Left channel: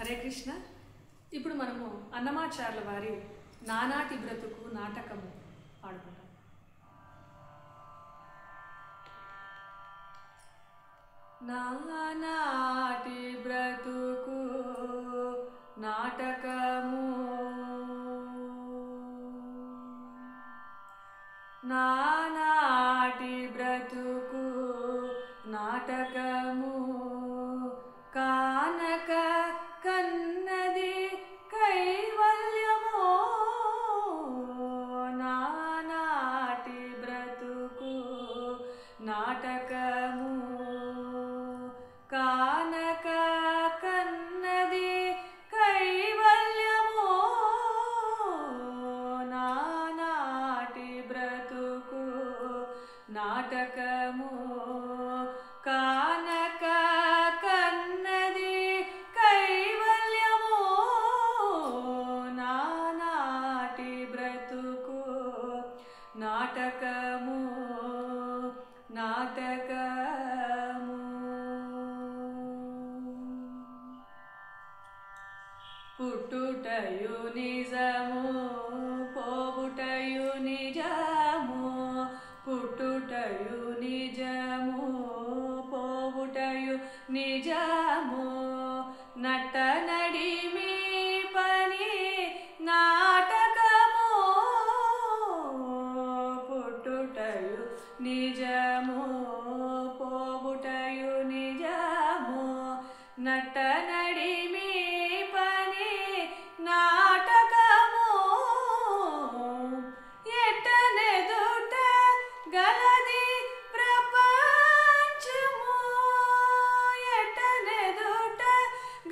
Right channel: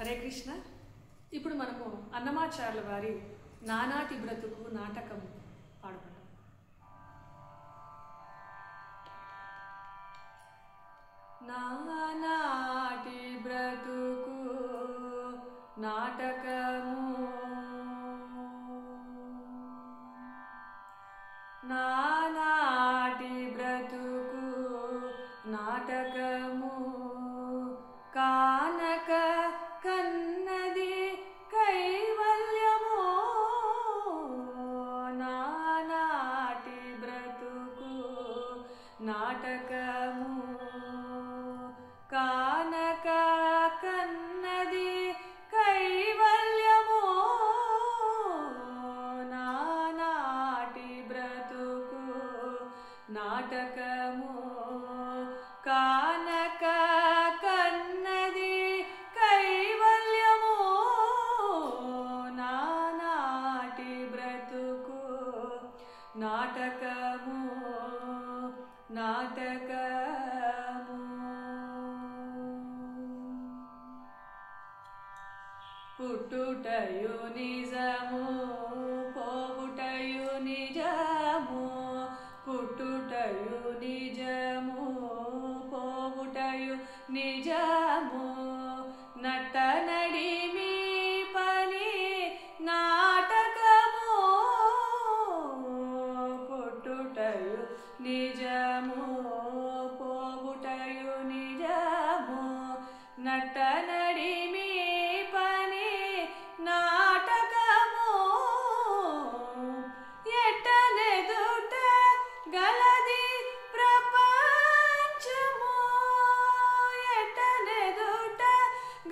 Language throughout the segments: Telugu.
హరే కృష్ణ. ఇప్పుడు మనము అన్నమాచార్యుల వారి నానాటి బ్రతుకు నాటకము పాడుకుంటాం. నానాటి బ్రతుకు నాటకము, నానాటి బ్రతుకు నాటకము, కానక కన్నది కైవల్యము. నానాటి బ్రతుకు నాటకము, కానక కన్నది కైవల్యము. నానాటి బ్రతుకు నాటకము, కానక కన్నది కైవల్యము. నానాటి బ్రతుకు నాటకము, నాటకము. పుట్టుటయు నిజము, పోవుటయు నిజము. పుట్టుటయు నిజము, పోవుటయు నిజము. నట నడిమి పని నాటకము. పుట్టుటయు నిజము, పోవుటయు నిజము. నట నడిమి పని నాటకము. ఎట్టనెదుట గలది ప్రపంచము. ఎట్టనెదుట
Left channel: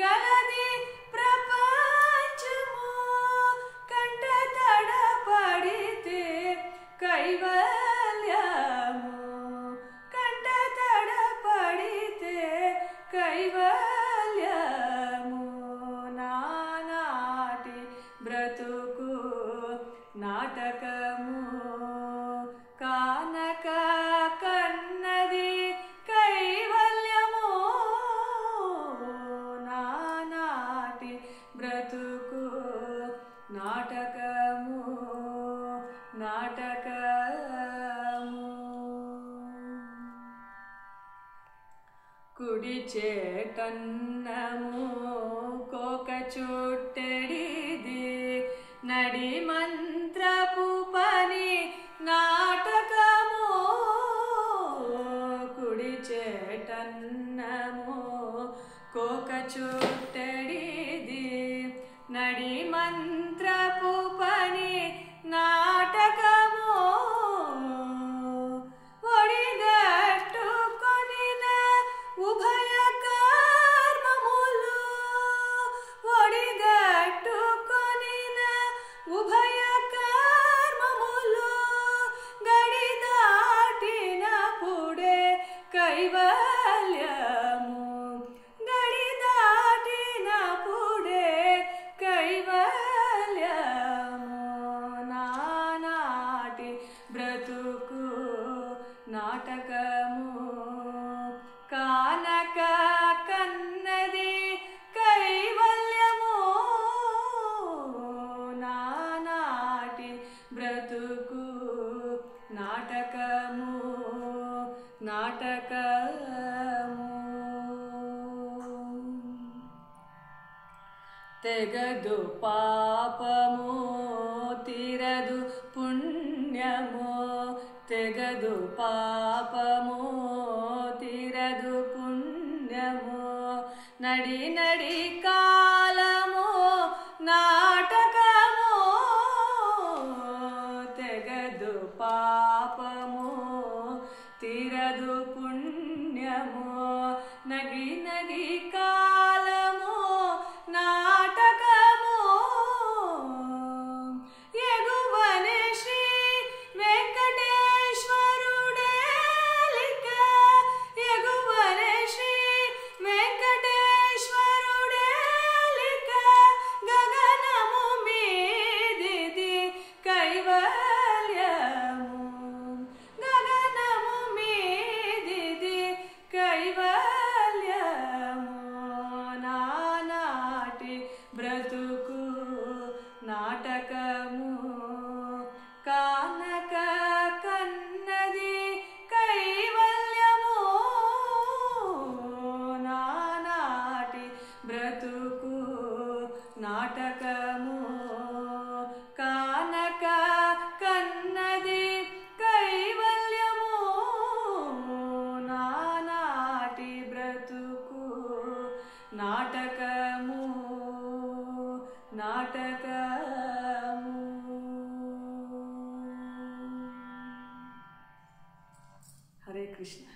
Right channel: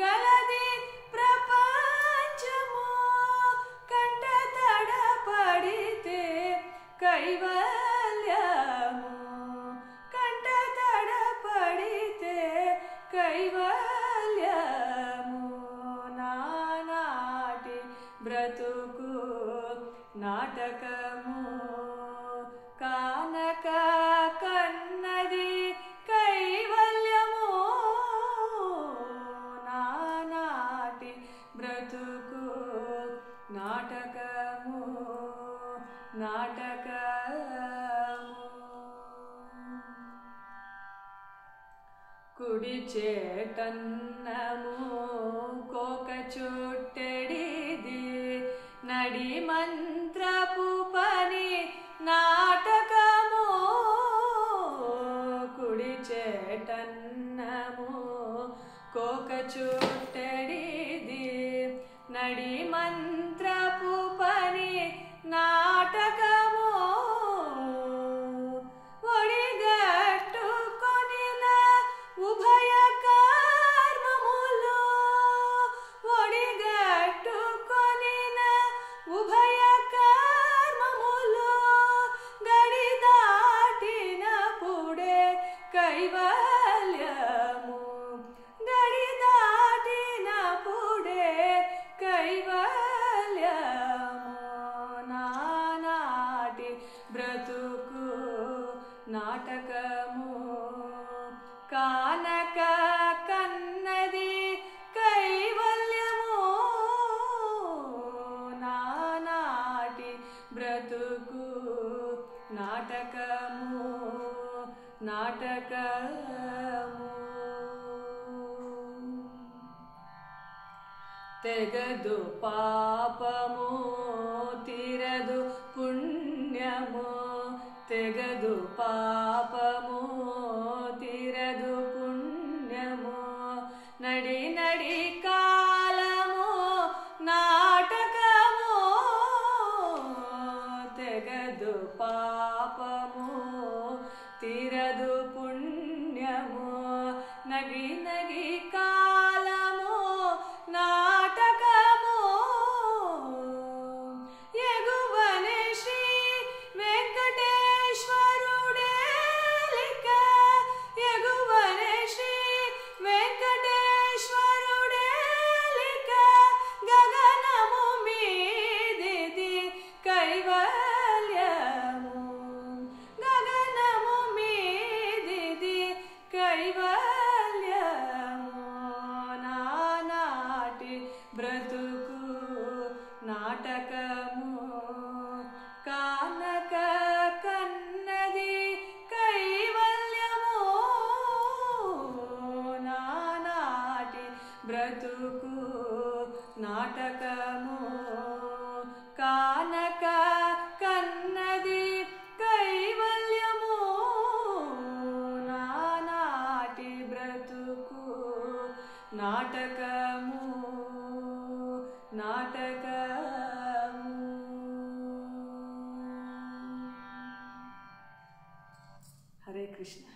గలది ప్రపంచము. కంట తడపడితే కైవల్యము. కంట తడపడితే కైవల్యము. నానాటి బ్రతుకు నాటకము, కానక కన్నది కైవల్యము. నానాటి బ్రతుకు నాటకము, నాటకము. కుడి చేటన్నము కోక చుట్టెడిది. నడి మంత్రపు పని నాటకము. కుడి చేటన్నము కోక చుట్టెడిది. నడి మంత్రపు పని నాటకము. ఒడిగట్టుకొనిన ఉభయ కర్మములు. ఒడిగట్టుకొనిన ఉభయ కర్మములు. గడి దాటినప్పుడే కైవల్యము. గడి దాటినప్పుడే కైవల్యము. నానాటి బ్రతుకు నాటకము, కానక కన్నది కైవల్యము. నానాటి బ్రతుకు నాటకము, నాటకము. తెగదు పాపము, తీరదు పుణ్యము. తెగదు పాపము, తీరదు పుణ్యము. నడి నడి కాలము నాటకము. తెగదు పాపము, తీరదు పుణ్యము. నగి నగి కాలము నాటకము. ఎగువనే శ్రీ వెంకటేశ్వరుడేలిక. ఎగువనే శ్రీ వెంకటేశ్వరుడేలిక. గగనము మీదిది కైవల్యము. గగనము మీదిది కైవల్యము. బ్రతుకు నాటకము కానక కన్నది కైవల్యము నానాటి బ్రతుకు నాటకము నాటకము. హరే కృష్ణ.